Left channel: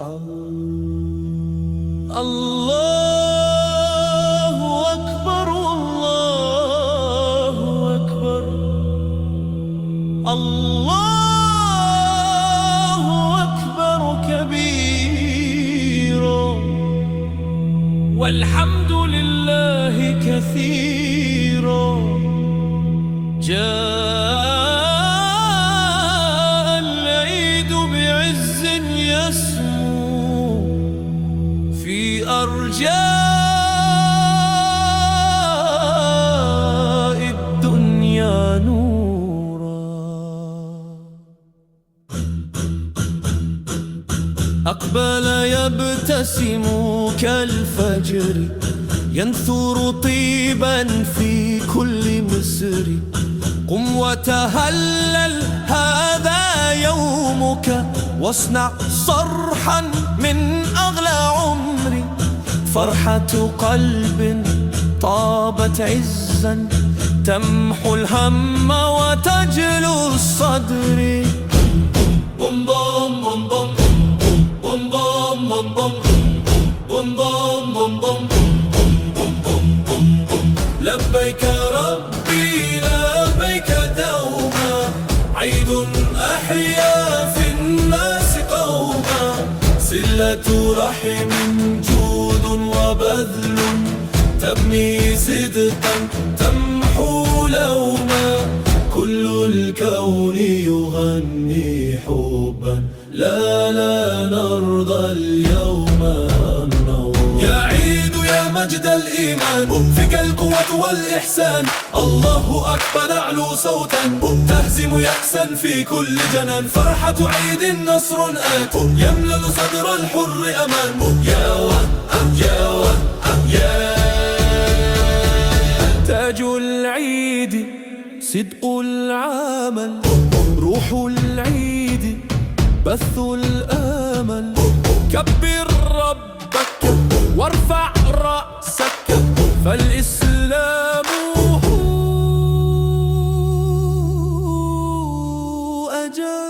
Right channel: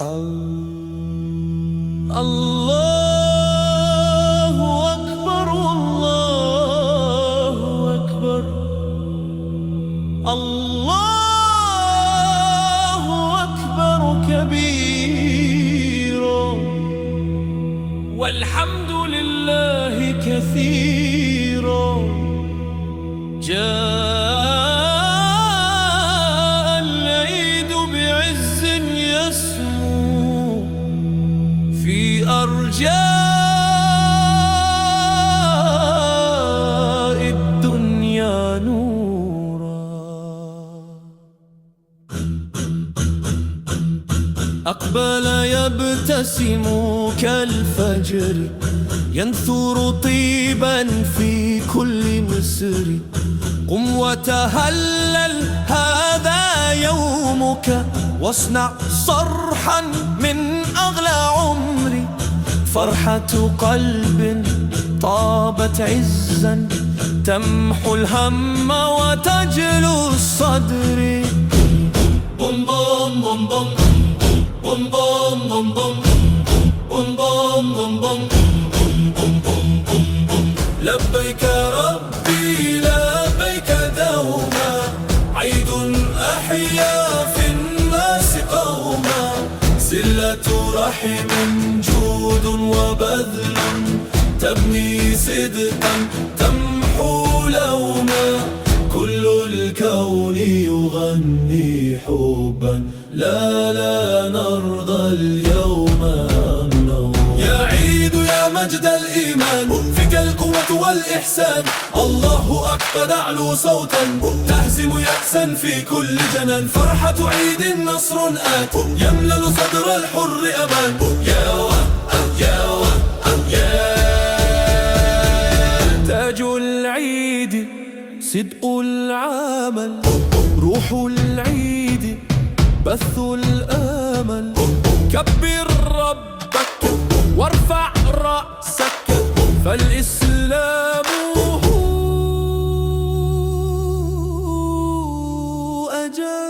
الله أكبر الله أكبر الله أكبر كبيرا والحمد لله كثيرا جاء العيد بعز يسمو في أرجاء الدنيا نورا أقبل يبتسم كالفجر ينثر طيبا في كل مصر قم وتهلل هذا يومك واصنع صرحا من أغلى عمري فرحة قلب طابت عزا تمحو الهم وتجلو الصدر بوم بوم بوم بوم بوم بوم بوم بوم بوم بوم بوم بوم لبيك ربي لبيك دوما عيد أحيا في الناس قوما صلة رحم جود وبذل تبني صدقا تمحو لوما كل الكون يغني حبا لا نرضى اليوم النوم يا عيد يا مجد الإيمان فيك القوة والإحسان الله أكبر أعلو صوتا تهزم يأسا في كل جنان فرحة عيد نصر آت يملل صدر الحر أمان يا وان يا وان يا تاج العيد صدق العمل روح العيد بث الآمل كبر ربك وارفع رأسك فالإسلام أجل